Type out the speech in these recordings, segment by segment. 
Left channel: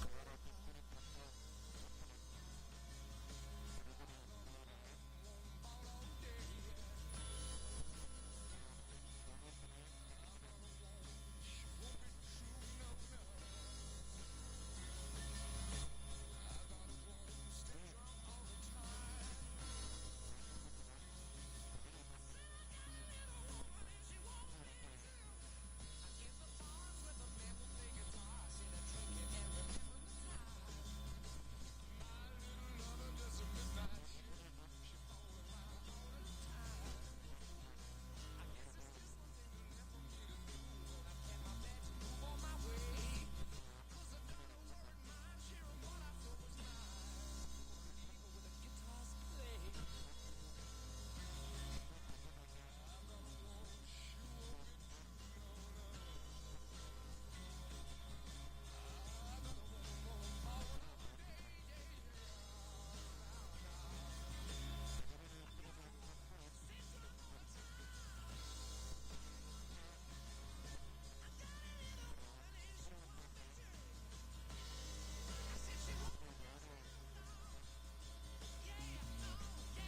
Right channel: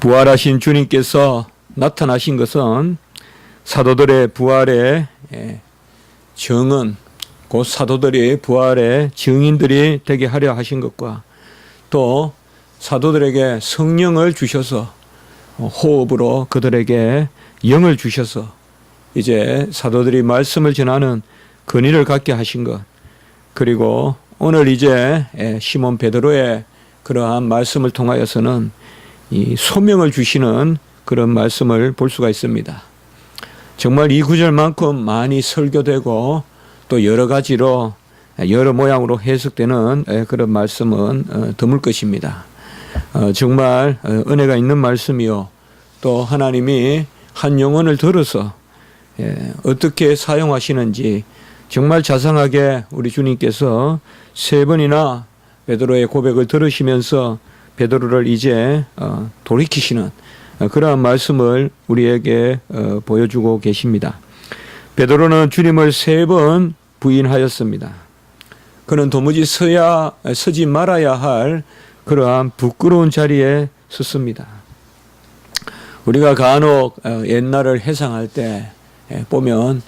부활하신 주님께서 나타나신 것은 사도들의 부활의 증언, 곧 사도들이 부활의 증인들이 되게 하려 하신 것과 또 사도들에게 성령을 주셔서 호흡으로 그들에게 영을 주셔서 이제 사도들이 말씀을 전하는 권위를 갖게 하신 것, 그리고 오늘 이제 시몬 베드로의 그러한 말씀을 통하여서는 이 소명을 주시는 그런 말씀을 볼 수가 있습니다. 정말 이 구절만큼 많이 설교되고 또 여러 가지로 여러 모양으로 해석되는 그런 말씀은 드물 것입니다. 정말 은혜가 있는 말씀이요, 또 하나님이 한 영혼을 들어서 어떻게 사용하시는지 정말 자상하게 우리 주님께서 3번이나 베드로의 고백을 들으시면서 베드로를 이제 돌이키시는 그러한 말씀을 우리에게 보여주고 계십니다. 베드로는 주님을 3번 부인하였습니다. 그는 도무지 서지 말아야 할 그러한 부끄러운 자리에 섰습니다. 우리가 간혹 옛날을 회상할 때 보면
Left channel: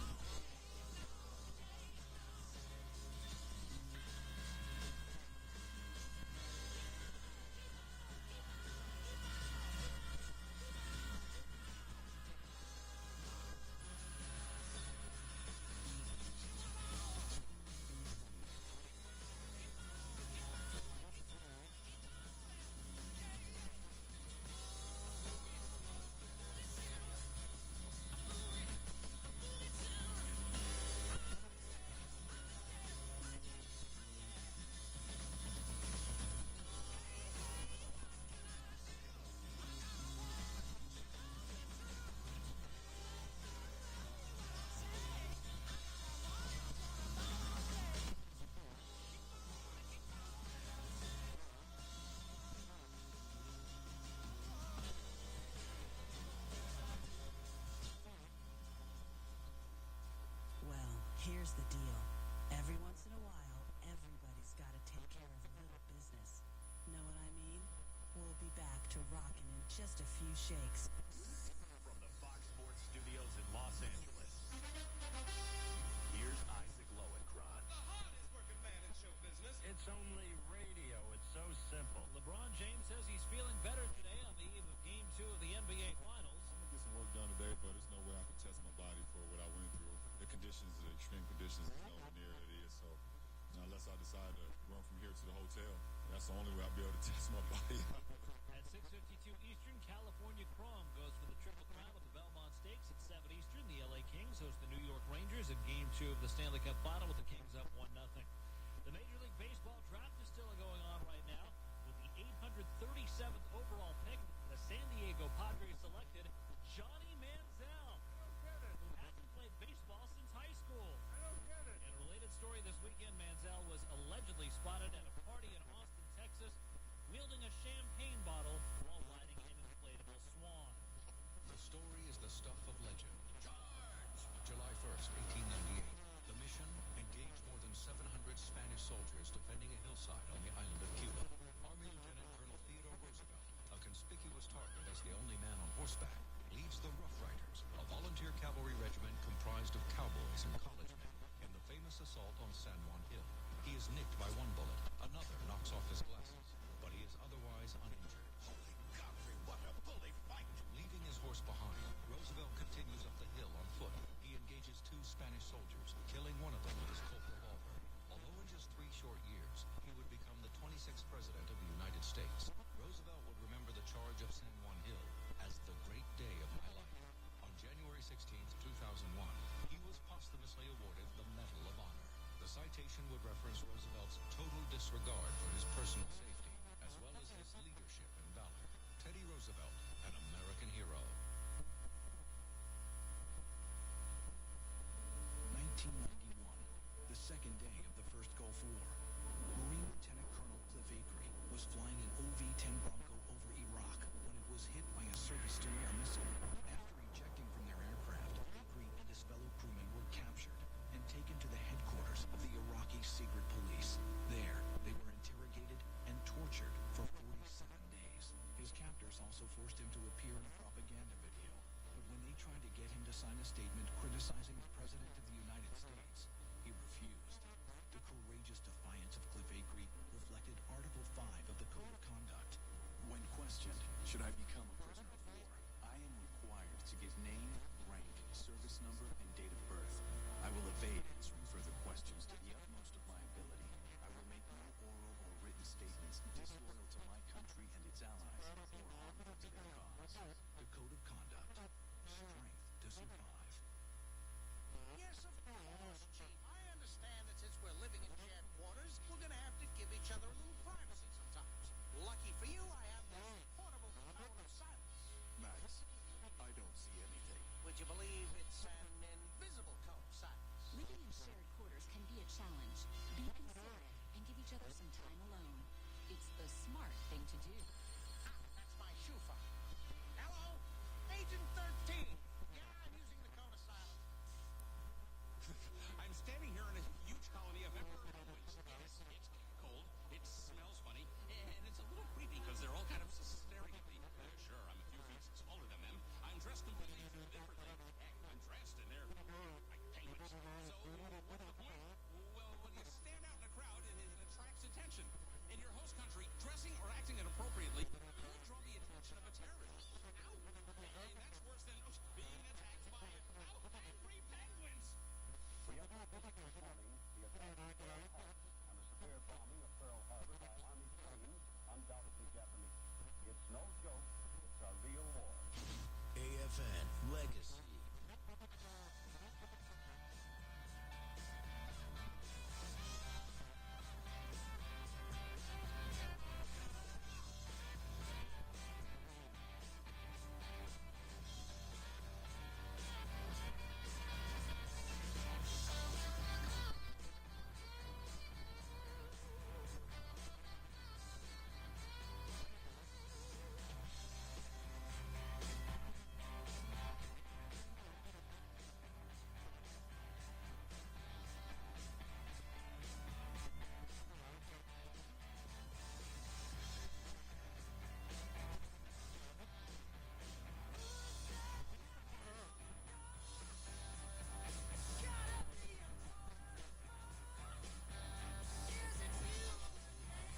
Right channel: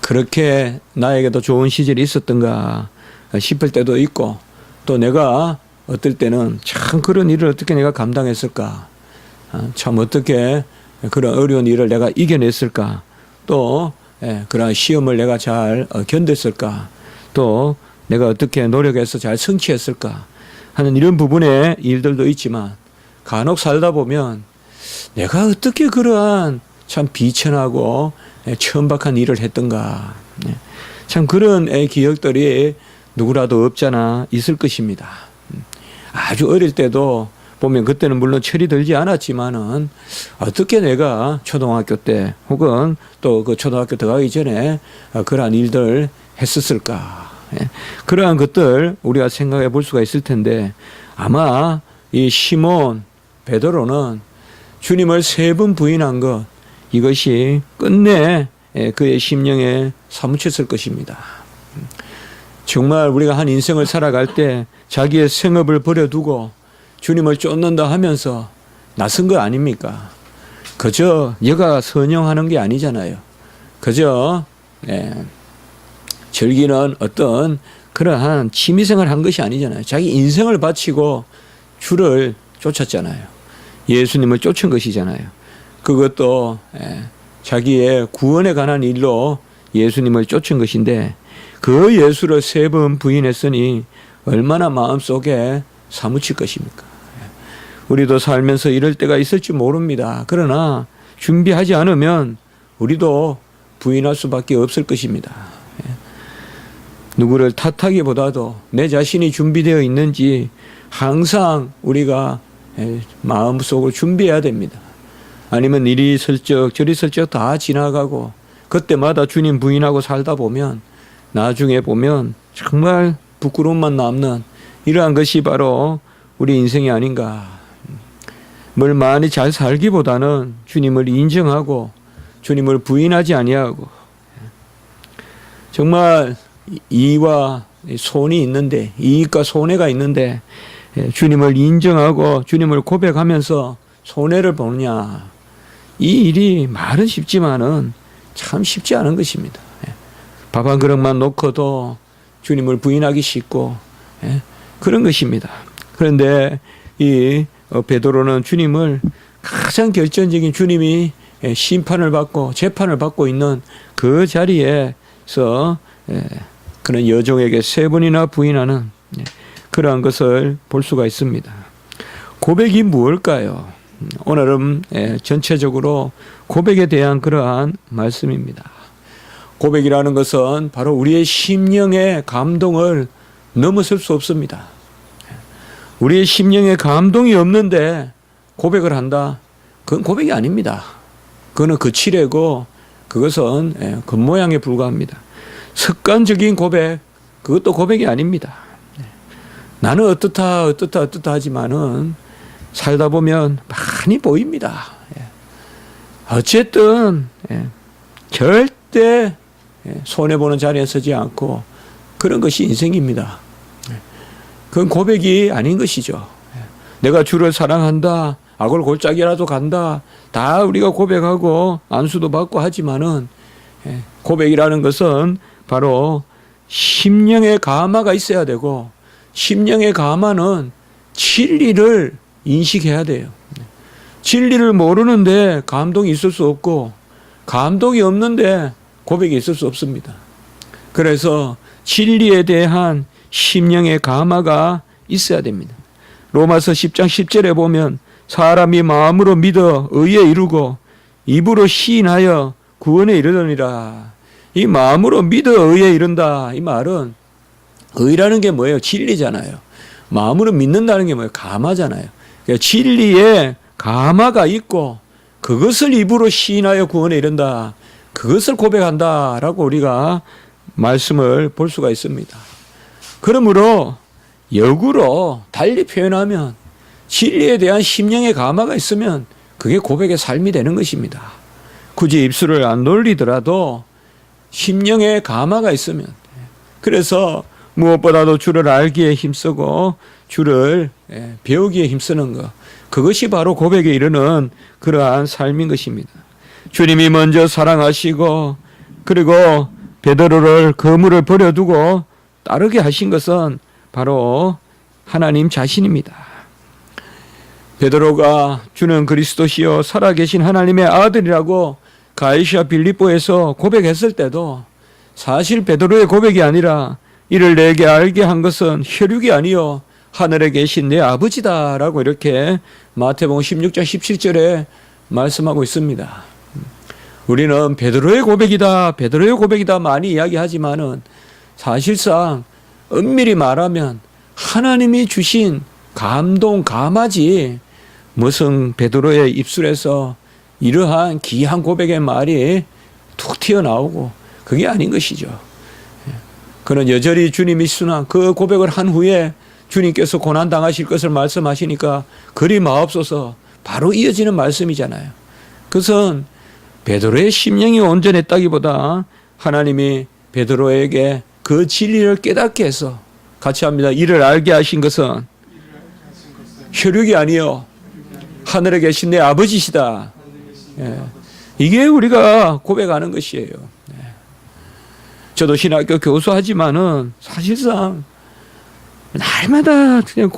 그렇게 나에게도 좋은 시절이 있었던가 싶을 때도 있고, 또 내가 어떨 때는 참 그런 일을 어떻게 내가 감당했을까, 참 어떻게 그런 어려운 일을 내가 이겨냈을까, 또 그런 시험을 내가 잘 견뎠을까, 또 내가 어떻게 노력해서 잘 성취했을까 하는 이런 부분의 일들도 있지만, 간혹 살다 보면 내가 어떻게 그러한 참 비천하고 천박한 일을 했던가, 참 그런 기억들이 누구라도 없잖아 있을 것입니다. 아주 어릴 때도 보면 그때는 물론 철이 들지 않았지만은 어떻게 내가 초등학교 때 혹은 또 그 초등학교 들어가기 전에 그러한 일들 했었을까, 그러한 것들 우리가 생각해 볼 수가 있을 텐데, 아마 이 시몬 베드로는 주님을 3번 부인한 것, 이것이 끝내 그의 심령에 사무쳤을 것입니다. 정말 우리가 한 인생을 살아갈 때 자기의 생업을 버려두고 주님을 쫓는다 하면서 나선 거 아닙니까? 그저 여가 선영하는 게 아니잖아요. 그저 즐기는 어떤 그러한 취미생활을 한 것이 아니잖아요. 자기 인생을 바치고 주를 쫓았잖아요. 예수님을 쫓은 것이잖아요. 그것도 자기의 구원에 관한 일로 예수님을 쫓은 것인데, 그 예수를 3번 부인했으니 얼마나 마음속에 사무칠 것입니까? 우리도 살면서 이럴 때가 있을지 모릅니다. 그러나 준비하지 않으면 우리도 부인할 수밖에 없을 것입니다. 누구를 탓하기보다도 내 자신이 준비되어 있는지 항상 우리가 마음속으로 준비해야 됩니다. 아니면 이리 슬쩍 저리 슬쩍 다 지나가고 그때마다 주님 부인하고 살다 보면 나중에 보면 정말 부끄러움만 남는 이러한 것이 바로 우리 인생이 아닌가. 뭘 많이 잘 살기보다는 주님을 인정하고 주님을 부인하지 아니하고, 정말 이와 손이 있는데, 이익과 손해가 있는데 주님을 인정하고 주님을 고백하면서 손해를 보느냐, 이 일이 말은 쉽지만은 참 쉽지 않은 것입니다. 밥 한 그릇만 놓고도 주님을 부인하기 쉽고 그런 것입니다. 그런데 이 베드로는 주님을 가장 결정적인, 주님이 심판을 받고 재판을 받고 있는 그 자리에서 그런 여종에게 3번이나 부인하는 그러한 것을 볼 수가 있습니다. 고백이 무엇일까요? 오늘은 전체적으로 고백에 대한 그러한 말씀입니다. 고백이라는 것은 바로 우리의 심령의 감동을 넘어설 수 없습니다. 우리의 심령에 감동이 없는데 고백을 한다? 그건 고백이 아닙니다. 그거는 거칠고 그것은 겉모양에 불과합니다. 습관적인 고백, 그것도 고백이 아닙니다. 나는 어떻다 하지만은 살다 보면 많이 보입니다. 어쨌든 절대 손해보는 자리에 서지 않고 그런 것이 인생입니다. 그건 고백이 아닌 것이죠. 내가 주를 사랑한다, 악을 골짜기라도 간다. 다 우리가 고백하고 안수도 받고 하지만은 고백이라는 것은 바로 심령의 감화가 있어야 되고, 심령의 감화는 진리를 인식해야 돼요. 진리를 모르는데 감동이 있을 수 없고, 감동이 없는데 고백이 있을 수 없습니다. 그래서 진리에 대한 심령의 감화가 있어야 됩니다. 로마서 10장 10절에 보면 사람이 마음으로 믿어 의에 이르고 입으로 시인하여 구원에 이르느니라. 이 마음으로 믿어 의에 이른다. 이 말은 의라는 게 뭐예요? 진리잖아요. 마음으로 믿는다는 게 뭐예요? 감화잖아요. 그러니까 진리에 감화가 있고 그것을 입으로 시인하여 구원에 이른다. 그것을 고백한다라고 우리가 말씀을 볼 수가 있습니다. 그러므로 역으로 달리 표현하면 진리에 대한 심령의 감화가 있으면 그게 고백의 삶이 되는 것입니다. 굳이 입술을 안 돌리더라도 심령의 감화가 있으면, 그래서 무엇보다도 주를 알기에 힘쓰고 주를 배우기에 힘쓰는 것, 그것이 바로 고백에 이르는 그러한 삶인 것입니다. 주님이 먼저 사랑하시고 그리고 베드로를 그물을 버려두고 따르게 하신 것은 바로 하나님 자신입니다. 베드로가 주는 그리스도시요 살아계신 하나님의 아들이라고 가이사 빌립보에서 고백했을 때도 사실 베드로의 고백이 아니라 이를 내게 알게 한 것은 혈육이 아니요 하늘에 계신 내 아버지다라고 이렇게 마태복음 16장 17절에 말씀하고 있습니다. 우리는 베드로의 고백이다, 베드로의 고백이다 많이 이야기하지만은 사실상 엄밀히 말하면 하나님이 주신 감동, 감화지 무슨 베드로의 입술에서 이러한 귀한 고백의 말이 툭 튀어나오고 그게 아닌 것이죠. 그는 여전히 주님이 순한 그 고백을 한 후에 주님께서 고난당하실 것을 말씀하시니까 그리 마옵소서 바로 이어지는 말씀이잖아요. 그것은 베드로의 심령이 온전했다기보다 하나님이 베드로에게 그 진리를 깨닫게 해서, 같이 합니다. 이를 알게 하신 것은 혈육이 아니요 하늘에 계신 내 아버지시다. 이게 우리가 고백하는 것이에요. 저도 신학교 교수하지만은 사실상 날마다 그냥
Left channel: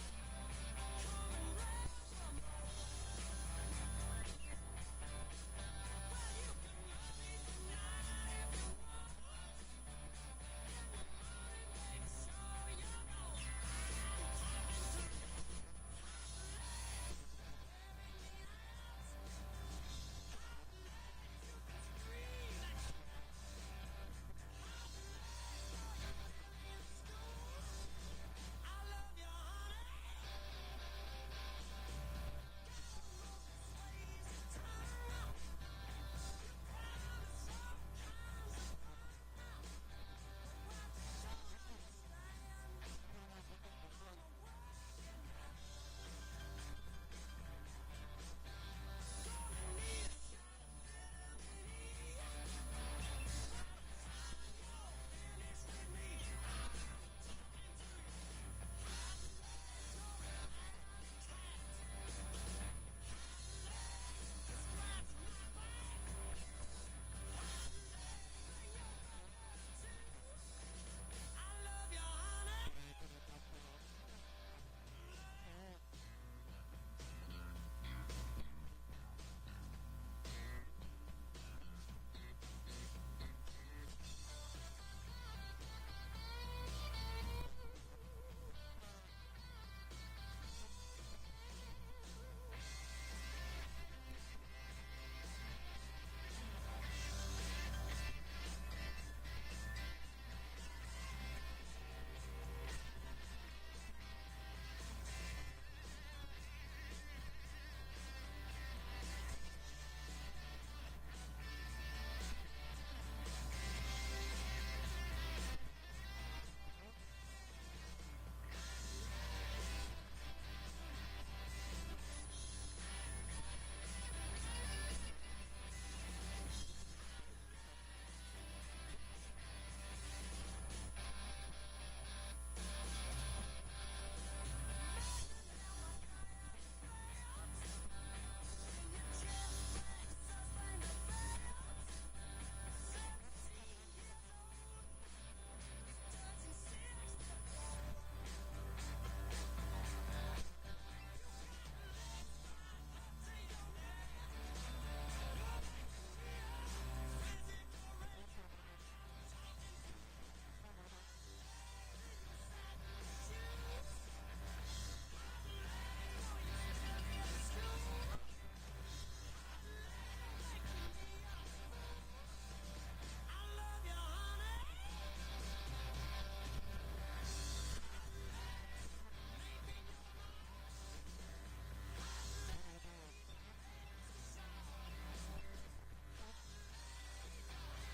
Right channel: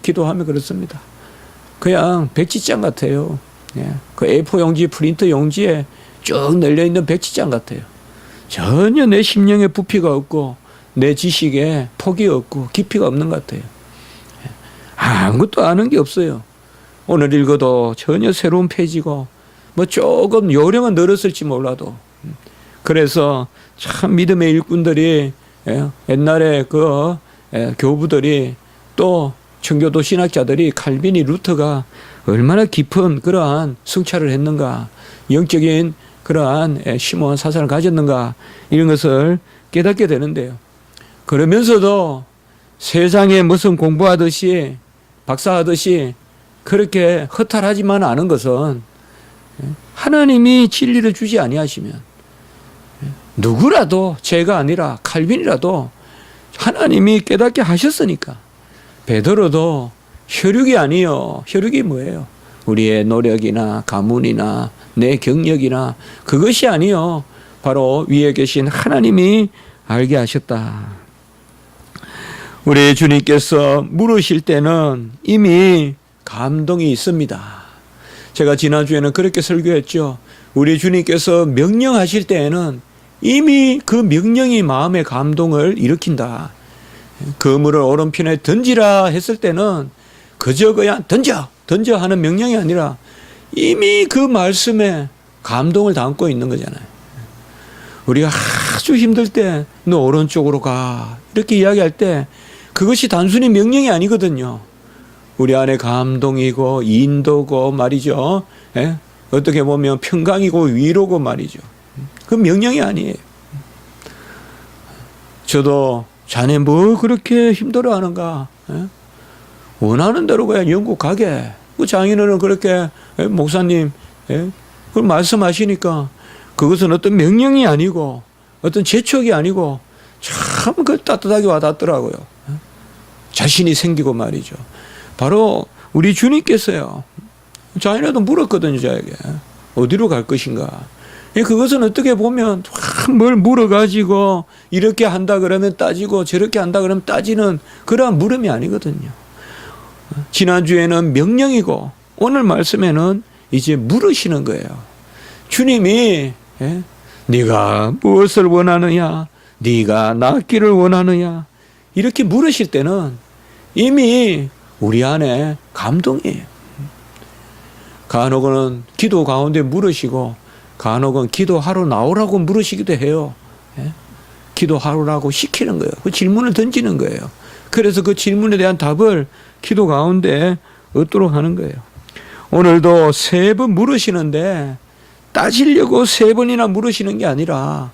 기도하며 그렇습니다. 그냥 백지장 같아요. 그 A4 용지, 프린터 용지에 쭉 널려있는 백지장 같아요. 전혀 내 심령에 부피가 없고 내 지식에 폭이 없고 깊이가 없는 것 같아요. 아무것도 아는 게 없어요. 오늘 읽어도 전혀 새로운 페이지고 뭐 조금 요령은 늘었을지 몰라도. 그래서 참 믿음의 일꾼들이 옛날에 그 교부들이 또 청교도 신학자들이 칼빈이 루터가 얼마나 깊은 그러한 성찰을 했는가, 영적인 그러한 심오한 사상을 가졌는가, 이런 것을 깨닫게 되는데요. 그러면서도 세상에 무슨 공부하듯이 박사하듯이 그렇게 허탈하지만 않은 것은 하나님이 진리를 주지 아니하시면 누구라도, 제가 아니라 칼빈이라도 하나님이 깨닫게 하셨으니까. 베드로도 혈육이 아니요. 혈육이 뭐예요? 우리의 노력이나 가문이나 내 경력이나 그것이 아니요. 바로 위에 계신 하나님이 알게 하셨다. 우리 주님께서 물으실 때는 이미 감동이 있습니다. 제가 지난주에는 그렇게 설교했죠. 우리 주님께서 명령하실 때에는 이미 그 명령이 마음의 감동을 일으킨다. 그물을 오른편에 던지라 했을 때는 그저 그냥 던져 하는 명령이 아니라 이미 그 말씀에 감동을 담고 있는 거잖아요. 우리가 아주 힘들 때 너 오른쪽으로 가 이렇게 이야기할 때 그것이 단순히 명령이 아니거든요. 우리 안에 감동이고 인도고 말이죠. 어떻게 보면 평강이고 위로고 말이죠. 그 명령이 아니에요. 저도 자네 뭐 그렇게 힘들어하는가? 원하는 대로 그냥 영국 가게. 그 장인어른 그렇게 목사님 그걸 말씀하시니까 그것은 어떤 명령이 아니고 어떤 재촉이 아니고 참 그 따뜻하게 와닿더라고요. 자신이 생기고 말이죠. 바로 우리 주님께서요. 자기네도 물었거든요. 자에게 어디로 갈 것인가. 그것은 어떻게 보면 뭘 물어가지고 이렇게 한다 그러면 따지고 저렇게 한다 그러면 따지는 그러한 물음이 아니거든요. 지난주에는 명령이고 오늘 말씀에는 이제 물으시는 거예요. 주님이 네가 무엇을 원하느냐, 네가 낫기를 원하느냐, 이렇게 물으실 때는 이미 우리 안에 감동이에요. 간혹은 기도 가운데 물으시고 간혹은 기도하러 나오라고 물으시기도 해요. 기도하라고 시키는 거예요. 그 질문을 던지는 거예요. 그래서 그 질문에 대한 답을 기도 가운데 얻도록 하는 거예요. 오늘도 3번 물으시는데 따지려고 3번이나 물으시는 게 아니라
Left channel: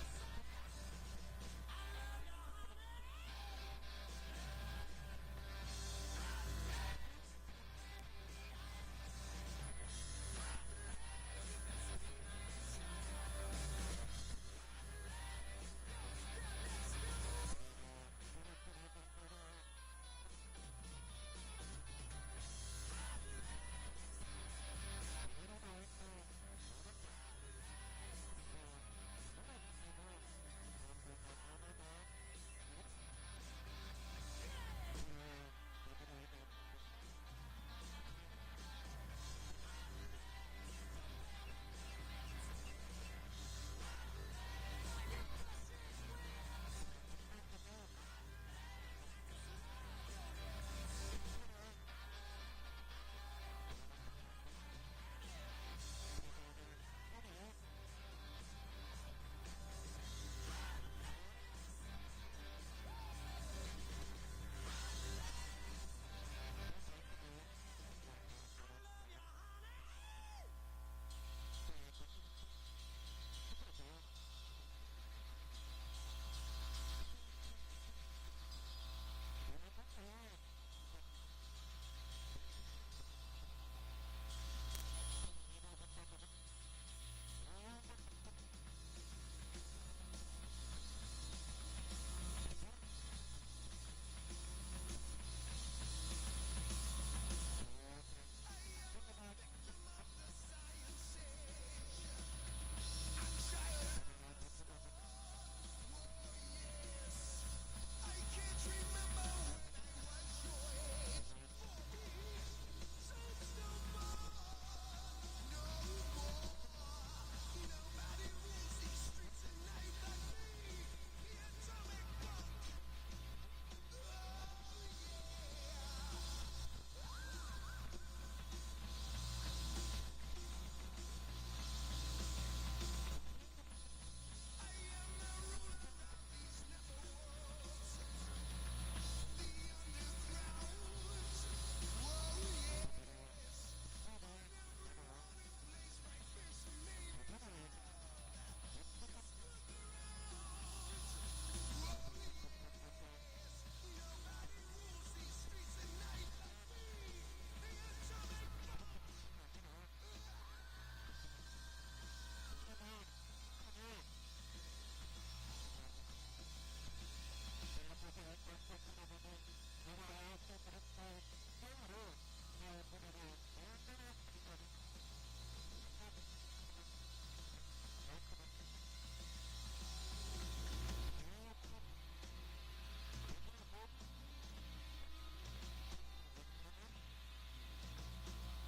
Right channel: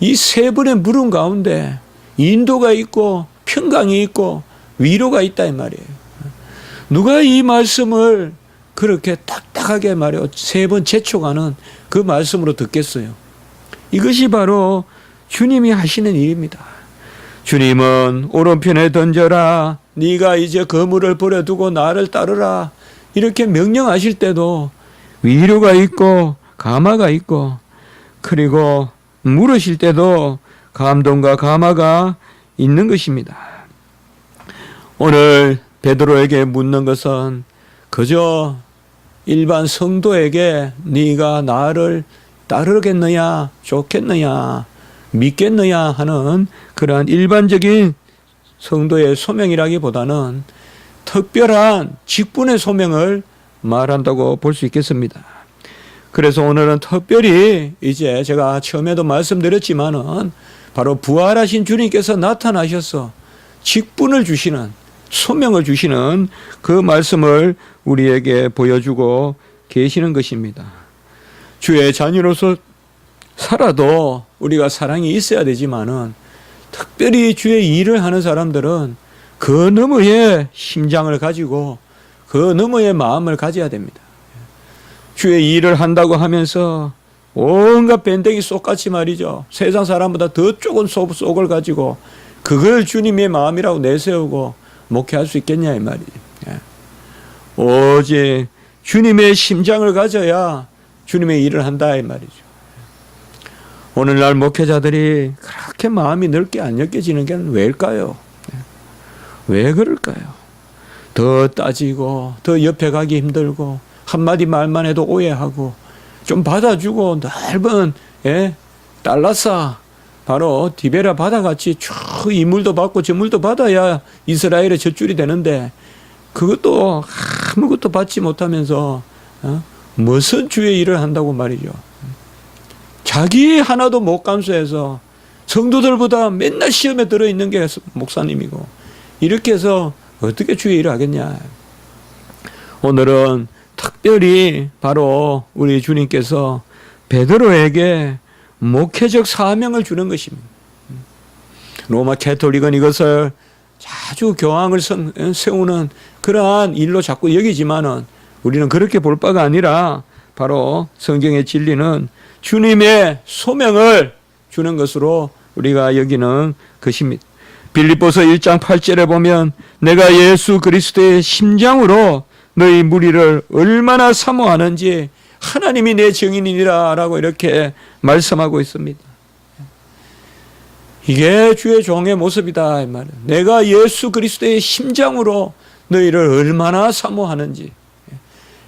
이 3번의 물음 가운데 인도가 있고 평강이 있고 위로가 있다 이 말이에요. 누가 이 말씀을 그렇게 딱딱하게 말해요. 3번 재촉하는 그 말씀으로 듣겠어요. 이것이 바로 주님이 하시는 일입니다. 주님은 오른편에 던져라. 네가 이제 거물을 버려두고 나를 따르라. 이렇게 명령하실 때도 위로가 있고 감화가 있고, 그리고 물으실 때도 감동과 감화가 있는 것입니다. 오늘 베드로에게 묻는 것은 그저 일반 성도에게 네가 나를 따르겠느냐, 좋겠느냐, 믿겠느냐 하는 그러한 일반적인 성도의 소명이라기보다는 특별한 직분의 소명을 말한다고 볼 수 있겠습니다. 그래서 오늘은 특별히 이제 제가 처음에도 말씀드렸지만은 바로 부활하신 주님께서 나타나셔서 직분을 주시는, 소명을 주시는 그 말씀을 우리에게 보여주고 계시는 것입니다. 주의 자녀로서 살아도 우리가 사랑이 있어야 되지만은 특별히 주의 일을 하는 사람들은 그 너머의 심장을 가지고 그 너머의 마음을 가져야 됩니다. 주의 일을 한다고 하면서 온갖 밴댕이 쏙같이 말이죠. 세상 사람보다 더 좁은 속을 가지고 그걸 주님의 마음이라고 내세우고 목회할 수 있겠냐 이 말이죠. 오직 주님의 심장을 가져야 주님의 일을 한다 이 말이죠. 오늘날 목회자들이 그렇게 마음이 넓게 안 엮여지는 게 왜일까요? 왜 그럴까요? 더 따지고 더 옆에 가기 힘들고 한마디 말만 해도 오해하고 좀 받아주고 넓은 달라사 바로 디베라 바다같이 쭉 이 물도 받고 저 물도 받아야 이스라엘의 젖줄이 되는데 그것도 아무것도 받지 못하면서 무슨 주의 일을 한다고 말이죠. 자기 하나도 못 감수해서 성도들보다 맨날 시험에 들어있는 게 목사님이고 이렇게 해서 어떻게 주의 일을 하겠냐. 오늘은 특별히 바로 우리 주님께서 베드로에게 목회적 사명을 주는 것입니다. 로마 캐톨릭은 이것을 아주 교황을 세우는 그러한 일로 자꾸 여기지만은 우리는 그렇게 볼 바가 아니라 바로 성경의 진리는 주님의 소명을 주는 것으로 우리가 여기는 것입니다. 빌립보서 1장 8절에 보면 내가 예수 그리스도의 심장으로 너희 무리를 얼마나 사모하는지 하나님이 내 증인이니라 라고 이렇게 말씀하고 있습니다. 이게 주의 종의 모습이다 이 말이에요. 내가 예수 그리스도의 심장으로 너희를 얼마나 사모하는지.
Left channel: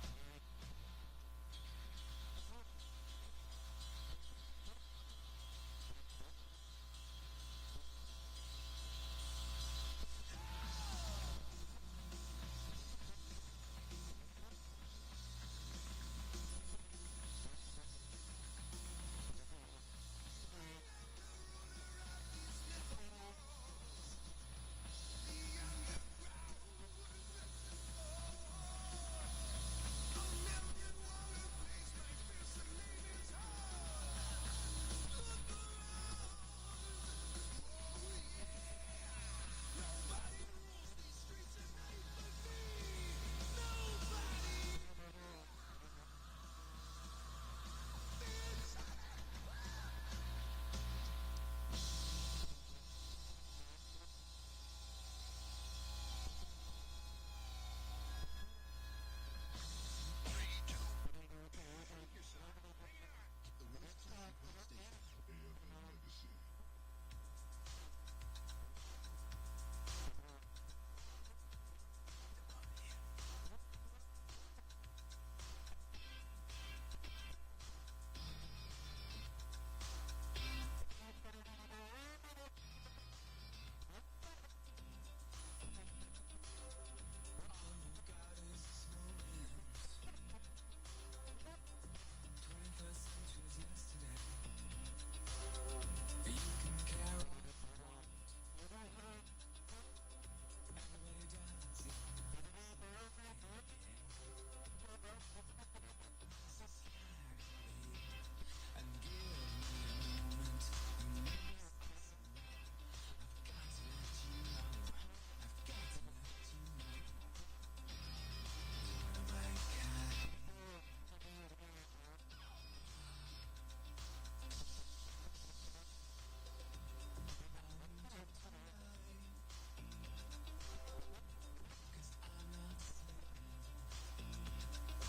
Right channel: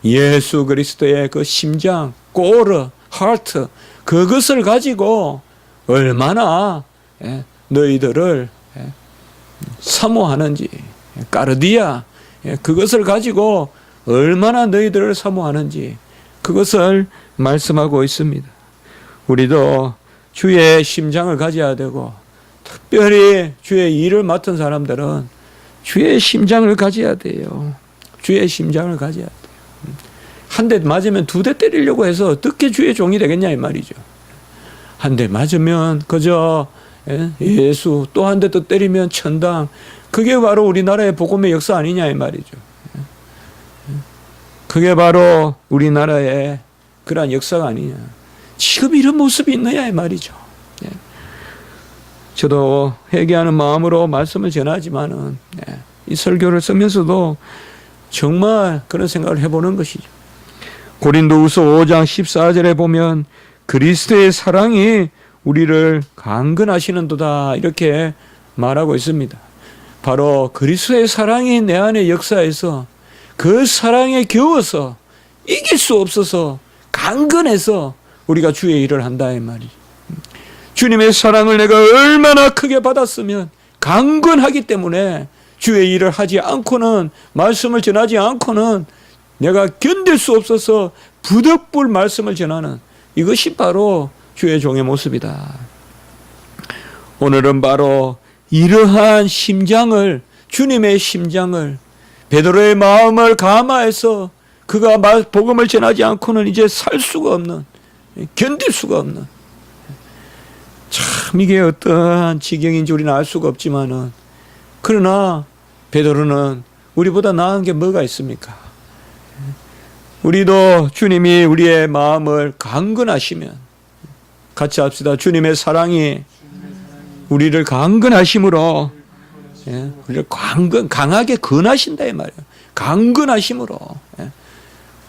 예수 그리스도의 그 심장, 꼬르, 하트, 그것을 가지고 얼마나 너희들을 사모하는지, 까르디아, 그것을 가지고 얼마나 너희들을 사모하는지 그것을 말씀하고 있습니다. 우리도 주의 심장을 가져야 되고 특별히 주의 일을 맡은 사람들은 주의 심장을 가져야 돼요. 주의 심장을 가져야 돼요. 한 대 맞으면 2대 때리려고 해서 어떻게 주의 종이 되겠냐 이 말이죠. 한 대 맞으면 그저 예수, 또 한 대 또 때리면 천당. 그게 바로 우리나라의 복음의 역사 아니냐 이 말이죠. 그게 바로 우리나라의 그러한 역사가 아니냐. 지금 이런 모습이 있느냐 이 말이죠. 저도 회개하는 마음으로 말씀을 전하지만은 이 설교를 쓰면서도 정말 그런 생각을 해보는 것이죠. 고린도후서 5장 14절에 보면 그리스도의 사랑이 우리를 강건하시는도다 이렇게 말하고 있습니다. 바로 그리스도의 사랑이 내 안에 역사해서 그 사랑에 겨워서 이길 수 없어서 강건해서 우리가 주의 일을 한다 이 말이죠. 주님의 사랑을 내가 얼마나 크게 받았으면 강건하기 때문에 주의 일을 하지 않고는, 말씀을 전하지 않고는 내가 견딜 수 없어서 부득불 말씀을 전하는, 이것이 바로 주의 종의 모습이다. 오늘은 바로 이러한 심장을, 주님의 심장을, 베드로의 마음을 감화해서 그가 복음을 전하지 않고는 이제 살 수가 없는, 견딜 수가 없는, 참 이게 어떠한 지경인지 우리는 알 수가 없지만은, 그러나 베드로는 우리보다 나은 게 뭐가 있습니까? 우리도 주님이 우리의 마음을 강건하시면, 같이 합시다. 주님의 사랑이 우리를 강건하심으로, 우리를 강하게 건하신다 이 말이에요. 강건하심으로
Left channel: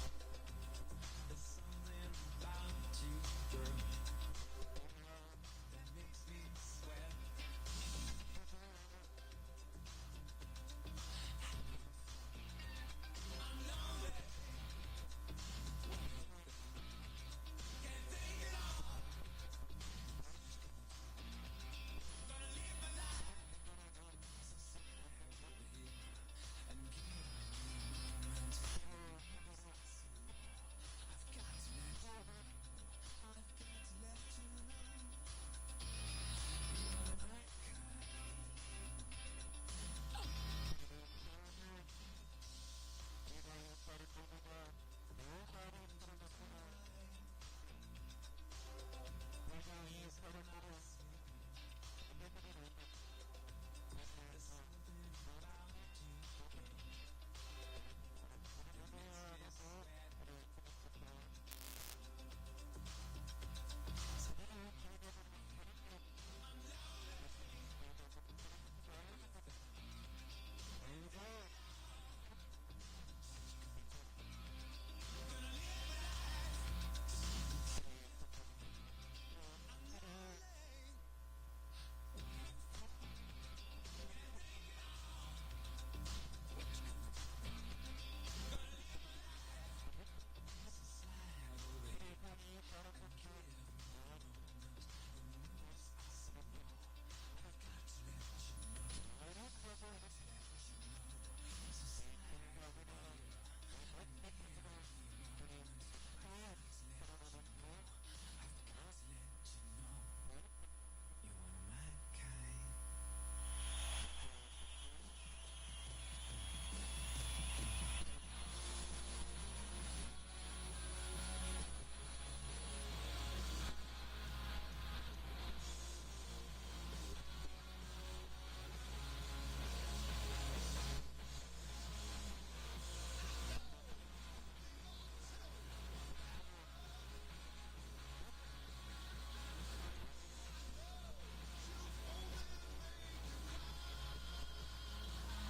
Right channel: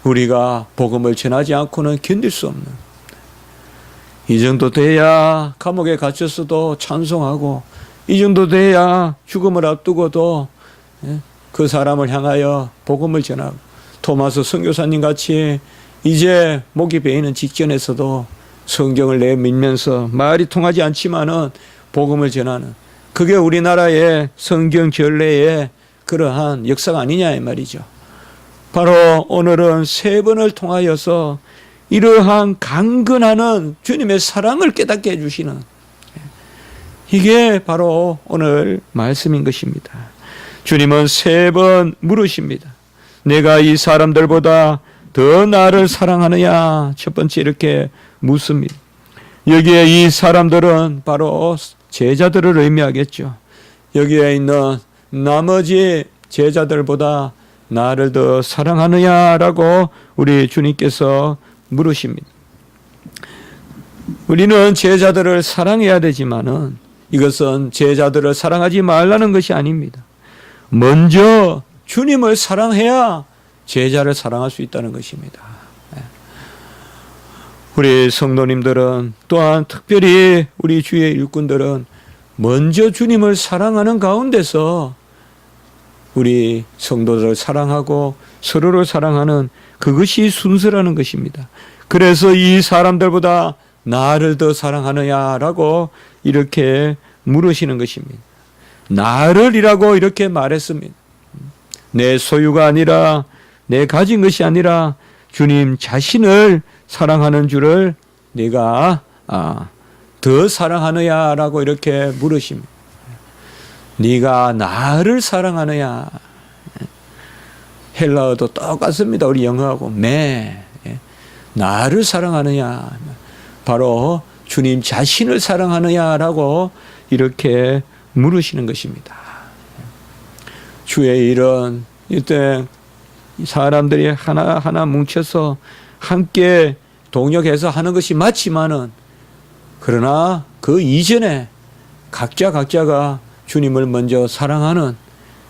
우리가 복음을 전하지 않고는 견딜 수 없는, 이 정도 돼야 감옥에 갇혔어도 찬송하고, 이 정도 돼야 죽음을 앞두고도 그 사람을 향하여 복음을 전하고, 토마스 선교사님 같이 이제 목이 베이는 직전에서도 성경을 내밀면서 말이 통하지 않지만은 복음을 전하는, 그게 우리나라의 성경 전례의 그러한 역사가 아니냐 이 말이죠. 바로 오늘은 세 번을 통하여서 이러한 강건하는 주님의 사랑을 깨닫게 해주시는, 이게 바로 오늘 말씀인 것입니다. 주님은 세 번 물으십니다. 내가 이 사람들보다 더 나를 사랑하느냐? 첫 번째 이렇게 묻습니다. 여기에 이 사람들은 바로 제자들을 의미하겠죠. 여기에 있는 나머지 제자들보다 나를 더 사랑하느냐라고 우리 주님께서 물으십니다. 우리는 제자들을 사랑해야 되지만은 이것은 제자들을 사랑하지 말라는 것이 아닙니다. 먼저 주님을 사랑해야 제자를 사랑할 수 있다는 것입니다. 우리 성도님들은, 또한 특별히 우리 주의 일꾼들은 먼저 주님을 사랑하는 가운데서 우리 성도들을 사랑하고 서로를 사랑하는, 그것이 순서라는 것입니다. 그래서 이 사람들보다 나를 더 사랑하느냐라고 이렇게 물으시는 것입니다. 나를이라고 이렇게 말했습니다. 내 소유가 아니라, 내 가진 것이 아니라 주님 자신을 사랑하는 줄을 네가 더 사랑하느냐라고 이렇게 물으십니다. 네가 나를 사랑하느냐. 헬라어도 똑같습니다. 우리 영어하고 나를 사랑하느냐, 바로 주님 자신을 사랑하느냐라고 이렇게 물으시는 것입니다. 주의 일은 이때 사람들이 하나하나 뭉쳐서 함께 동역해서 하는 것이 맞지만은, 그러나 그 이전에 각자가 주님을 먼저 사랑하는,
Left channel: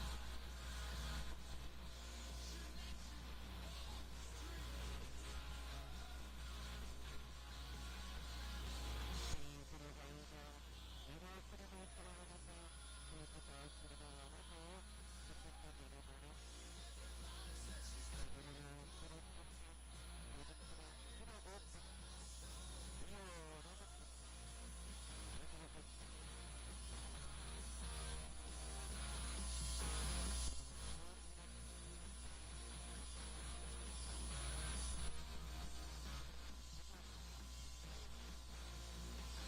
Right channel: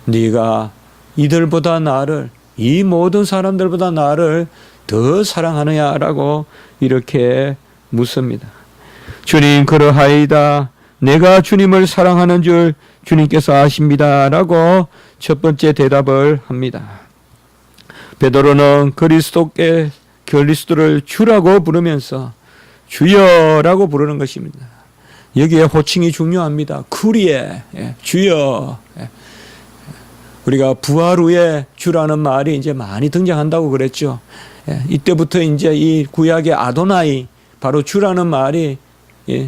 네가 이들보다 나를, 이 모든 사람들보다 나를 더 사랑하느냐라고 이렇게 묻습니다. 주님 그러하이다. 내가 주님을 사랑하는 줄 주님께서 아십니다라고 첫 번째 대답을 합니다. 베드로는 그리스도를 주라고 부르면서 주여라고 부르는 것입니다. 여기에 호칭이 중요합니다. 쿠리에, 주여. 우리가 부활 후에 주라는 말이 이제 많이 등장한다고 그랬죠. 이때부터 이제 이 구약의 아도나이, 바로 주라는 말이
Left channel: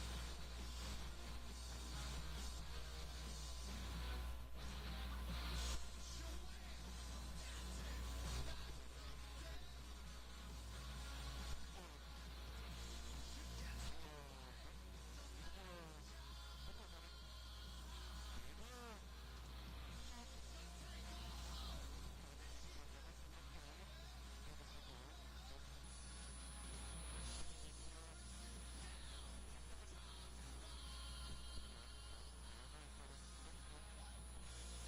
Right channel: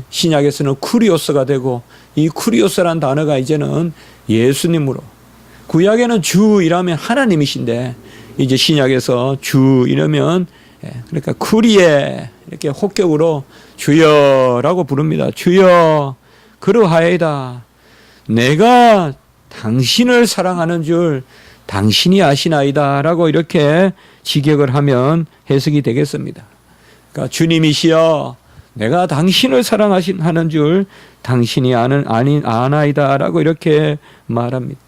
신약에서는 쿠리오스가 되고, 이 쿠리오스라는 단어가 이제는 예수님으로, 구약에는 주 이라면 하나님이신데 이제 신약에서 주 이러면, 그러니까 쿠리에 이렇게 혹격으로 주여라고 부릅니다. 주여 그러하이다. 내가 당신을 사랑하는 줄 당신이 아시나이다 라고 이렇게 직역을 하면 해석이 되겠습니다. 그러니까 주님이시여, 내가 당신을 사랑하는 줄 당신이 아나이다 라고 이렇게 말합니다.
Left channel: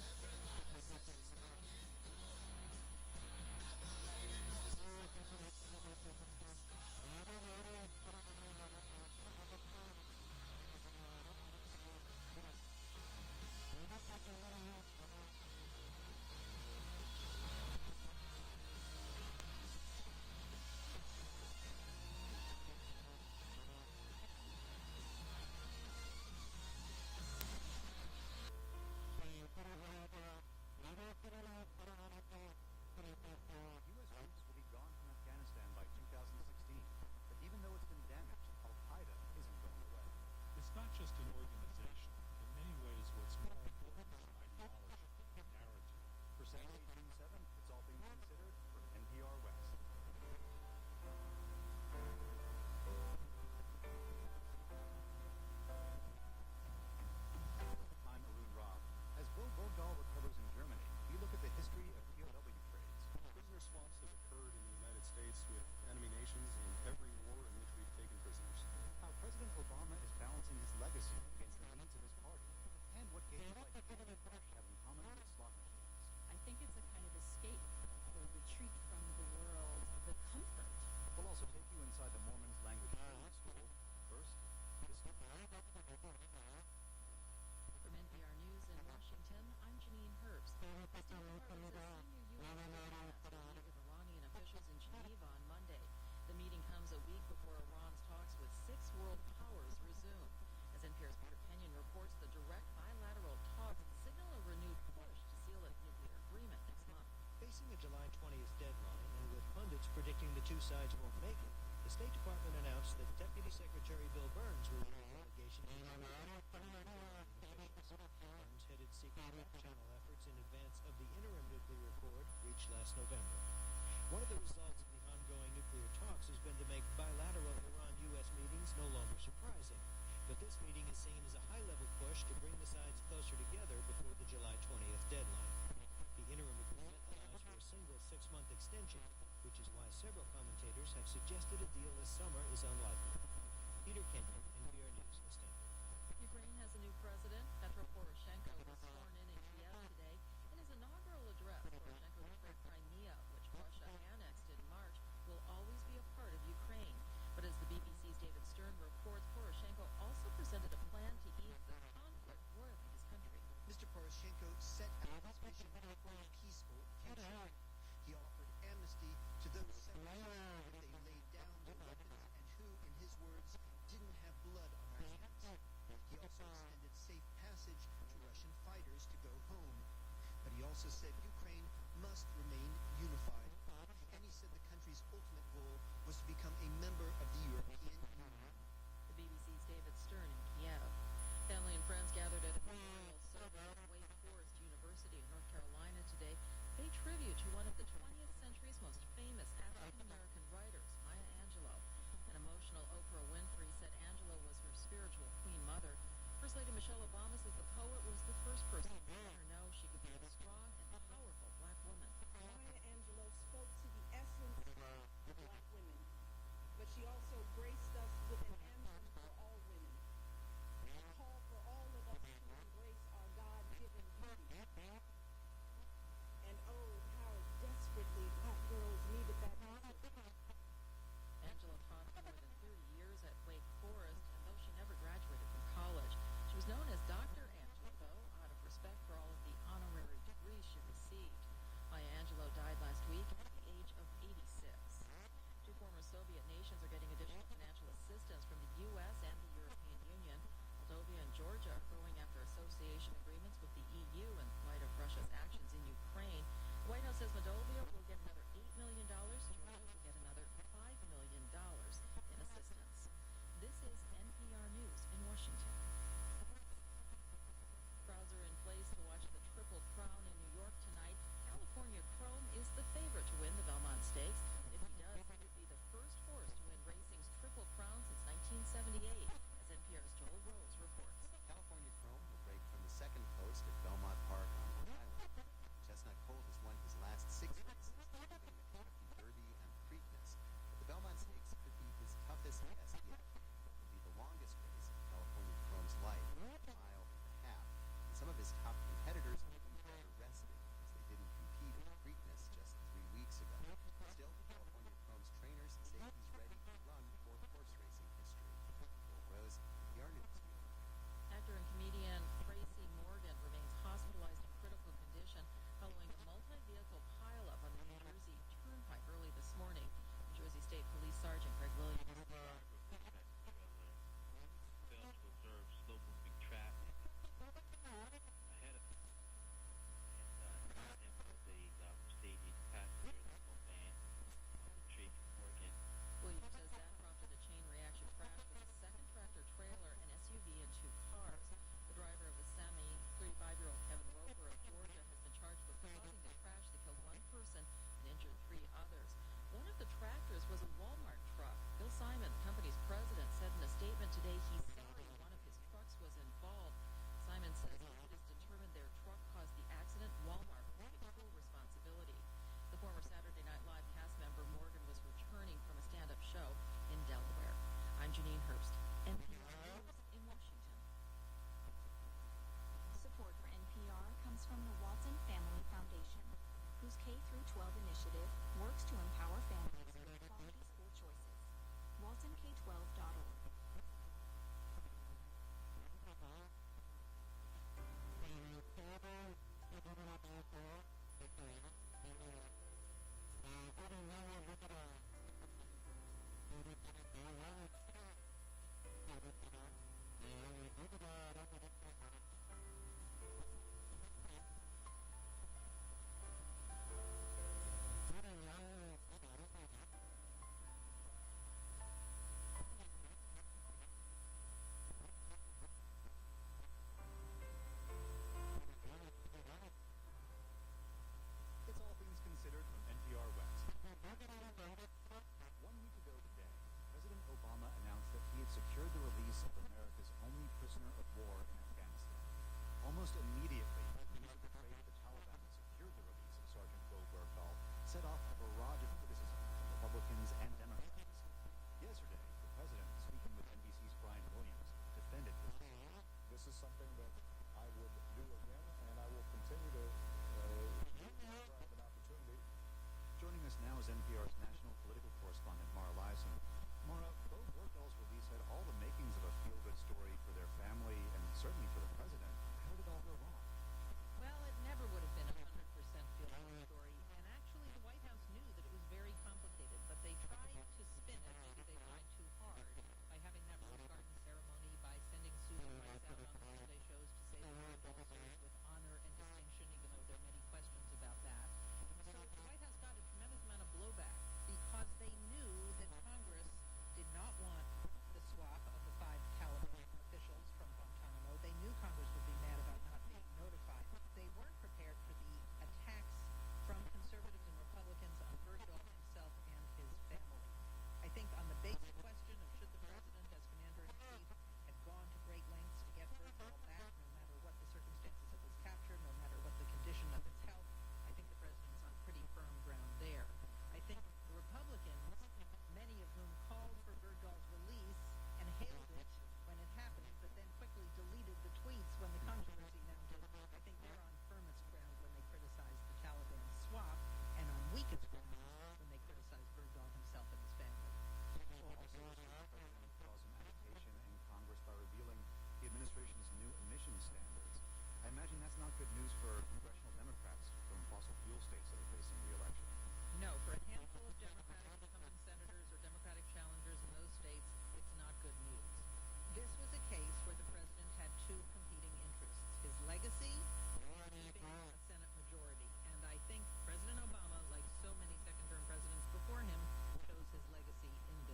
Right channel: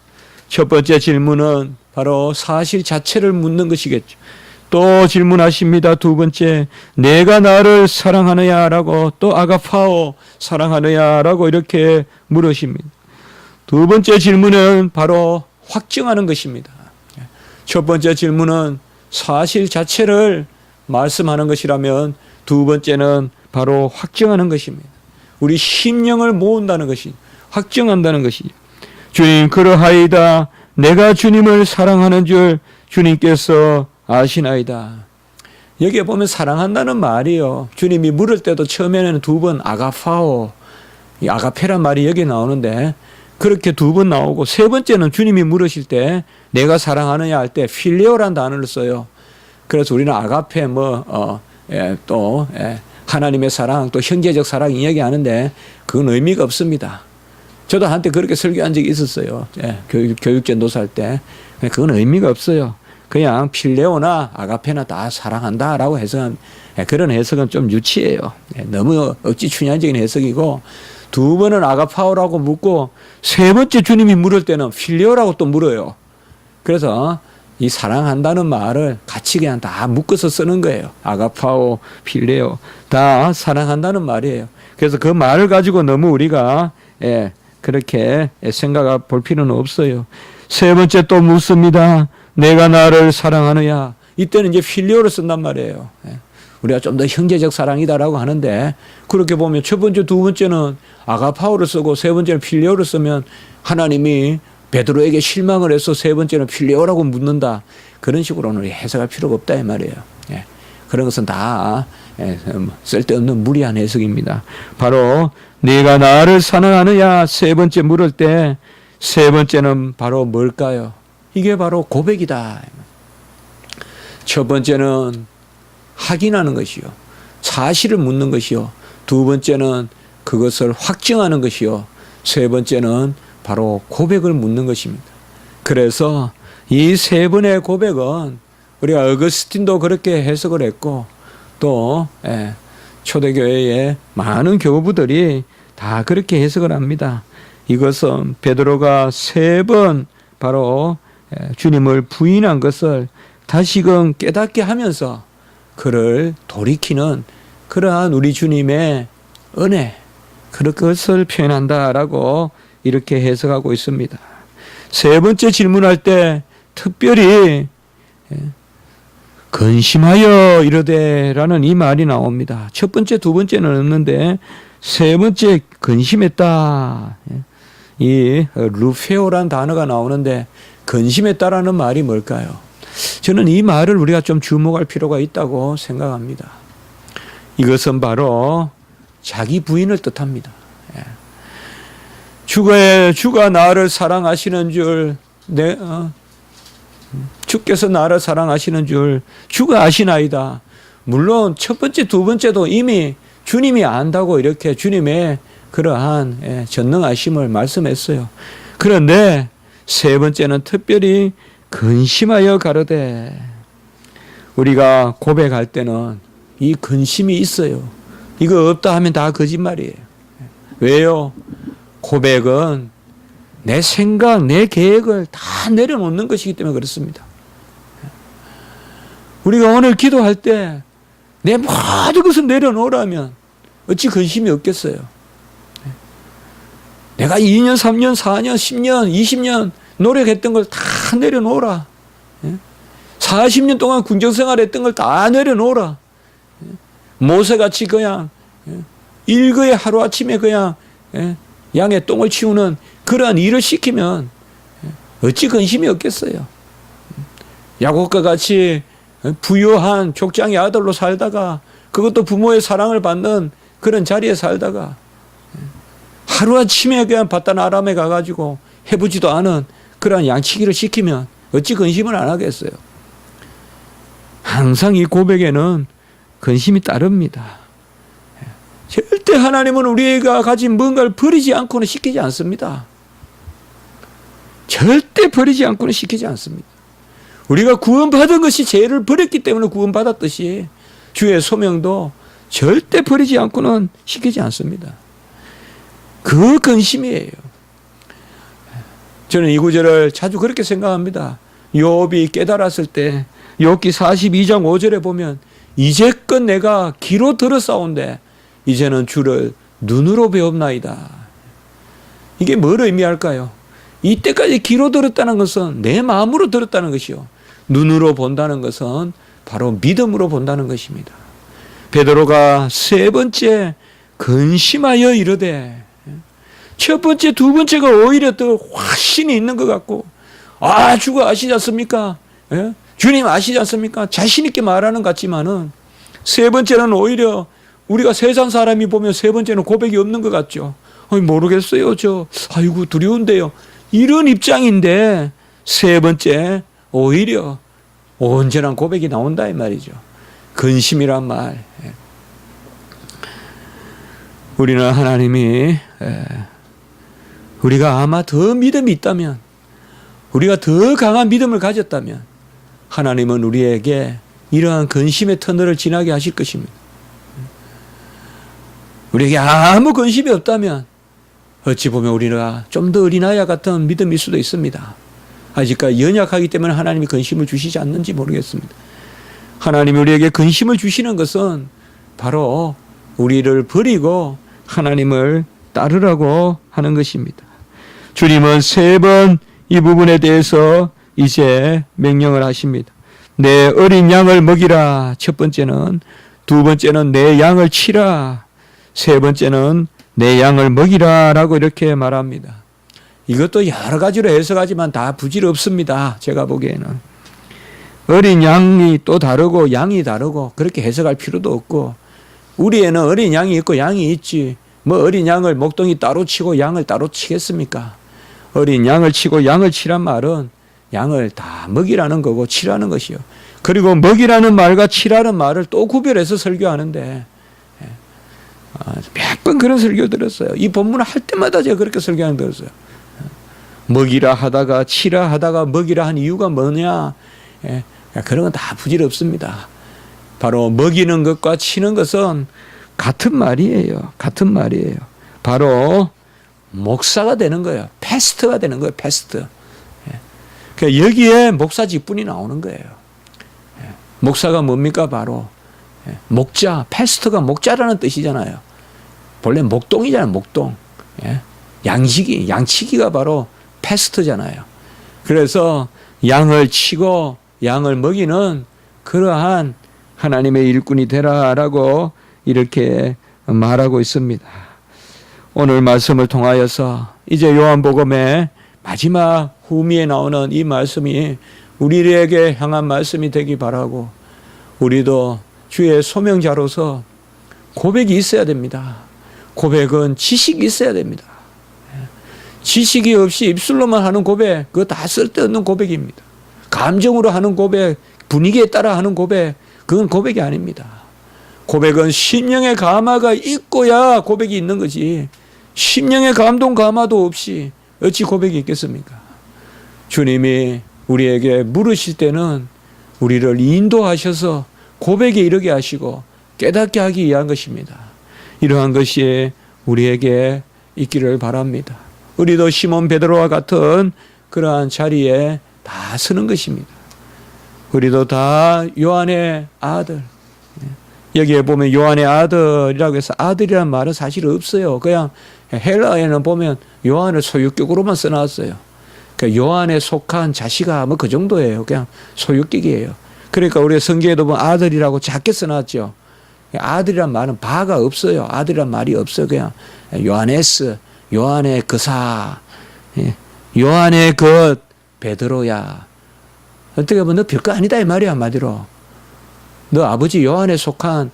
첫 번째 질문은 바로 사실 자체를 묻는 것이겠죠. 또 질문하십니다. 두 번째, 내가 나를 사랑하느냐라고, 또 아가파오 사랑하느냐라고 이렇게 물으십니다. 두 번째 질문은 바로 확증하는 것입니다. 첫 번째 질문은 사실 자체를 말씀하는 것이라면, 두 번째는 바로 확증하는 것입니다. 우리 심령을 모은다는 것이, 확증한다는 것이죠. 주님, 그러하이다. 내가 주님을 사랑하는 줄 주님께서 아시나이다. 여기에 보면 사랑한다는 말이요, 주님이 물을 때도 처음에는 두 번 아가파오, 이 아가페란 말이 여기 나오는데 그렇게 두 번 나오고, 세 번째는 주님이 물으실 때 내가 사랑하느냐 할 때 필레오란 단어를 써요. 그래서 우리는 아가페 또 하나님의 사랑, 또 형제적 사랑 이야기하는데 그건 의미가 없습니다. 저도 한때 그렇게 설교한 적이 있었어요. 교육전도사 할 때. 그건 의미가 없어요. 그냥 필레오나 아가페나 다 사랑한다라고 해석한, 그런 해석은 좀 유치해요. 너무 억지 춘향적인 해석이고, 두 번은 아가파오라고 묻고 세 번째 주님이 물을 때는 필레오라고 또 물어요. 그래서 이 사랑한다는 말을 같이 그냥 다 묶어서 쓰는 거예요. 아가파오, 필레오 다 사랑한다는 말이에요. 그래서 그 말을 가지고 너무 우리가 그렇게 생각해 볼 필요는 없어요. 세 번째 또 묻습니다. 내가 나를 사랑하느냐. 이때는 이제 필레오를 쓴단 말이에요. 우리가 좀 더 형제적 사랑이다라고 하는데, 그렇게 보면 첫 번째, 두 번째는 아가파오를 쓰고 세 번째는 필레오를 쓰면 하나님이 베드로에게 실망을 해서 세 번째는 필레오라고 묻는다. 그런 식으로는 해석할 필요가 없다 이 말이에요. 그런 것은 다 쓸데없는 무리한 해석입니다. 바로 네가 나를 사랑하느냐 세 번째 물을 때, 세 번째는 바로 뭘까요? 이게 바로 고백이다. 첫 번째는 확인하는 것이요, 사실을 묻는 것이요, 두 번째는 그것을 확증하는 것이요, 세 번째는 바로 고백을 묻는 것입니다. 그래서 이 세 번의 고백은 우리가 어거스틴도 그렇게 해석을 했고, 또 초대교회의 많은 교부들이 다 그렇게 해석을 합니다. 이것은 베드로가 세 번 바로 주님을 부인한 것을 다시금 깨닫게 하면서 그를 돌이키는 그러한 우리 주님의 은혜, 그것을 표현한다라고 이렇게 해석하고 있습니다. 세 번째 질문할 때 특별히 근심하여 이르되라는 이 말이 나옵니다. 첫 번째, 두 번째는 없는데 세 번째 근심했다. 이 루페오란 단어가 나오는데 근심했다라는 말이 뭘까요? 저는 이 말을 우리가 좀 주목할 필요가 있다고 생각합니다. 이것은 바로 자기 부인을 뜻합니다. 주가 나를 사랑하시는 줄, 주께서 나를 사랑하시는 줄 주가 아시나이다. 물론 첫 번째, 두 번째도 이미 주님이 안다고 이렇게 주님의 그러한 전능하심을 말씀했어요. 그런데 세 번째는 특별히 근심하여 가로되. 우리가 고백할 때는 이 근심이 있어요. 이거 없다 하면 다 거짓말이에요. 왜요? 고백은 내 생각, 내 계획을 다 내려놓는 것이기 때문에 그렇습니다. 우리가 오늘 기도할 때 내 모든 것을 내려놓으라면 어찌 근심이 없겠어요? 내가 2년, 3년, 4년, 10년, 20년 노력했던 걸 다 내려놓으라. 40년 동안 군정생활 했던 걸 다 내려놓으라. 모세같이 그냥 일거에 하루아침에 그냥 양의 똥을 치우는 그러한 일을 시키면 어찌 근심이 없겠어요? 야곱과 같이 부유한 족장의 아들로 살다가, 그것도 부모의 사랑을 받는 그런 자리에 살다가 하루아침에 그냥 바단 아람에 가가지고 해보지도 않은 그러한 양치기를 시키면 어찌 근심을 안 하겠어요? 항상 이 고백에는 근심이 따릅니다. 절대 하나님은 우리가 가진 뭔가를 버리지 않고는 시키지 않습니다. 절대 버리지 않고는 시키지 않습니다. 우리가 구원받은 것이 죄를 버렸기 때문에 구원받았듯이 주의 소명도 절대 버리지 않고는 시키지 않습니다. 그 근심이에요. 저는 이 구절을 자주 그렇게 생각합니다. 욥이 깨달았을 때 욥기 42장 5절에 보면 이제껏 내가 귀로 들었사온데 이제는 주를 눈으로 배웁나이다. 이게 뭘 의미할까요? 이때까지 귀로 들었다는 것은 내 마음으로 들었다는 것이요, 눈으로 본다는 것은 바로 믿음으로 본다는 것입니다. 베드로가 세 번째 근심하여 이르되, 첫 번째 두 번째가 오히려 더 확신이 있는 것 같고, 주가 아시지 않습니까? 예? 주님 아시지 않습니까? 자신 있게 말하는 것 같지만은 세 번째는 오히려 우리가 세상 사람이 보면 세 번째는 고백이 없는 것 같죠. 모르겠어요. 아이고 두려운데요. 이런 입장인데 세 번째 오히려 온전한 고백이 나온다 이 말이죠. 근심이란 말. 우리는 하나님이 우리가 아마 더 믿음이 있다면, 우리가 더 강한 믿음을 가졌다면 하나님은 우리에게 이러한 근심의 터널을 지나게 하실 것입니다. 우리에게 아무 근심이 없다면 어찌 보면 우리가 좀 더 어린아이 같은 믿음일 수도 있습니다. 아직까지 연약하기 때문에 하나님이 근심을 주시지 않는지 모르겠습니다. 하나님이 우리에게 근심을 주시는 것은 바로 우리를 버리고 하나님을 따르라고 하는 것입니다. 주님은 세 번 이 부분에 대해서 이제 명령을 하십니다. 내 어린 양을 먹이라. 첫 번째는. 두 번째는 내 양을 치라. 세 번째는 내 양을 먹이라 라고 이렇게 말합니다. 이것도 여러 가지로 해석하지만 다 부질없습니다. 제가 보기에는. 어린 양이 또 다르고 양이 다르고 그렇게 해석할 필요도 없고, 우리에는 어린 양이 있고 양이 있지, 뭐 어린 양을 목동이 따로 치고 양을 따로 치겠습니까? 어린 양을 치고 양을 치란 말은 양을 다 먹이라는 거고 치라는 것이요. 그리고 먹이라는 말과 치라는 말을 또 구별해서 설교하는데, 몇 번 그런 설교 들었어요. 이 본문을 할 때마다 제가 그렇게 설교하는 거 들었어요. 먹이라 하다가 치라 하다가 먹이라 한 이유가 뭐냐? 그런 건 다 부질없습니다. 바로 먹이는 것과 치는 것은 같은 말이에요. 같은 말이에요. 바로 목사가 되는 거예요. 패스트가 되는 거예요. 패스트. 그러니까 여기에 목사 직분이 나오는 거예요. 목사가 뭡니까? 바로 목자, 패스트가 목자라는 뜻이잖아요. 본래 목동이잖아요. 목동. 양치기가 바로 패스트잖아요. 그래서 양을 치고 양을 먹이는 그러한 하나님의 일꾼이 되라라고 이렇게 말하고 있습니다. 오늘 말씀을 통하여서 이제 요한복음의 마지막 후미에 나오는 이 말씀이 우리에게 향한 말씀이 되기 바라고, 우리도 주의 소명자로서 고백이 있어야 됩니다. 고백은 지식이 있어야 됩니다. 지식이 없이 입술로만 하는 고백, 그거 다 쓸데없는 고백입니다. 감정으로 하는 고백, 분위기에 따라 하는 고백, 그건 고백이 아닙니다. 고백은 심령의 감화가 있고야 고백이 있는 거지, 심령의 감동 감화도 없이 어찌 고백이 있겠습니까? 주님이 우리에게 물으실 때는 우리를 인도하셔서 고백에 이르게 하시고 깨닫게 하기 위한 것입니다. 이러한 것이 우리에게 있기를 바랍니다. 우리도 시몬 베드로와 같은 그러한 자리에 다 서는 것입니다. 우리도 다 요한의 아들, 여기에 보면 요한의 아들이라고 해서 아들이라는 말은 사실 없어요. 그냥 헬라어에는 보면 요한을 소유격으로만 써놨어요. 그러니까 요한에 속한 자식아 뭐 그 정도예요. 그냥 소유격이에요. 그러니까 우리 성경에도 보면 아들이라고 작게 써놨죠. 아들이란 말은 바가 없어요. 아들이란 말이 없어요. 그냥 요하네스, 요한의 그사, 요한의 것, 베드로야. 어떻게 보면 너 별거 아니다 이 말이야. 한마디로 너 아버지 요한에 속한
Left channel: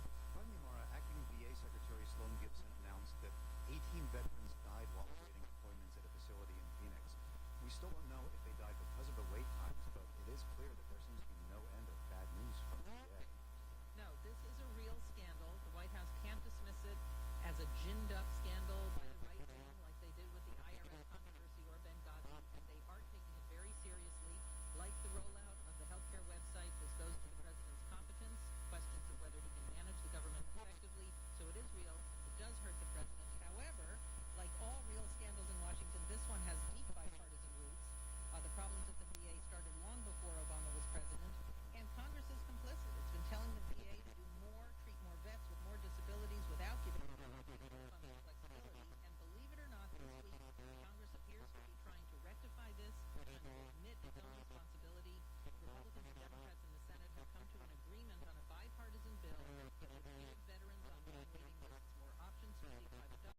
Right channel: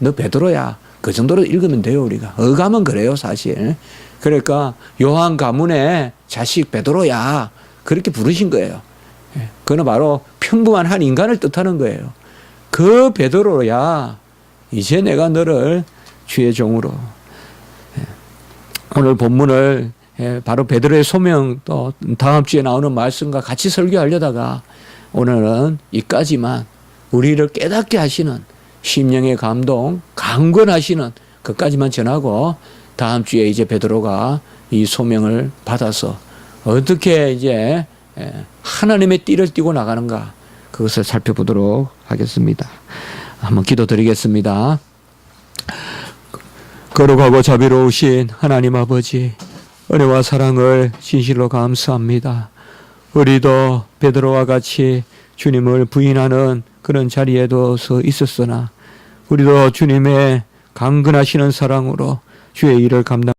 너 베드로야. 그 정도로 읽으면 돼요. 우리가 어감은 그래요 사실. 그러니까 요한 가문의 자식 베드로야 그렇게 부르신 거예요. 그는 바로 평범한 한 인간을 뜻하는 거예요. 그 베드로야 이제 내가 너를 주의 종으로. 오늘 본문을 바로 베드로의 소명, 또 다음 주에 나오는 말씀과 같이 설교하려다가 오늘은 이까지만 우리를 깨닫게 하시는 심령의 감동, 강권하시는 것까지만 전하고, 다음 주에 이제 베드로가 이 소명을 받아서 어떻게 이제 하나님의 띠를 띠고 나가는가, 그것을 살펴보도록 하겠습니다. 한번 기도드리겠습니다. 거룩하고 자비로우신 하나님 아버지, 은혜와 사랑을 진실로 감사합니다. 우리도 베드로와 같이 주님을 부인하는 그런 자리에도 서 있었으나 우리도 주님의 강건하시는 사랑으로 주의 일을 감당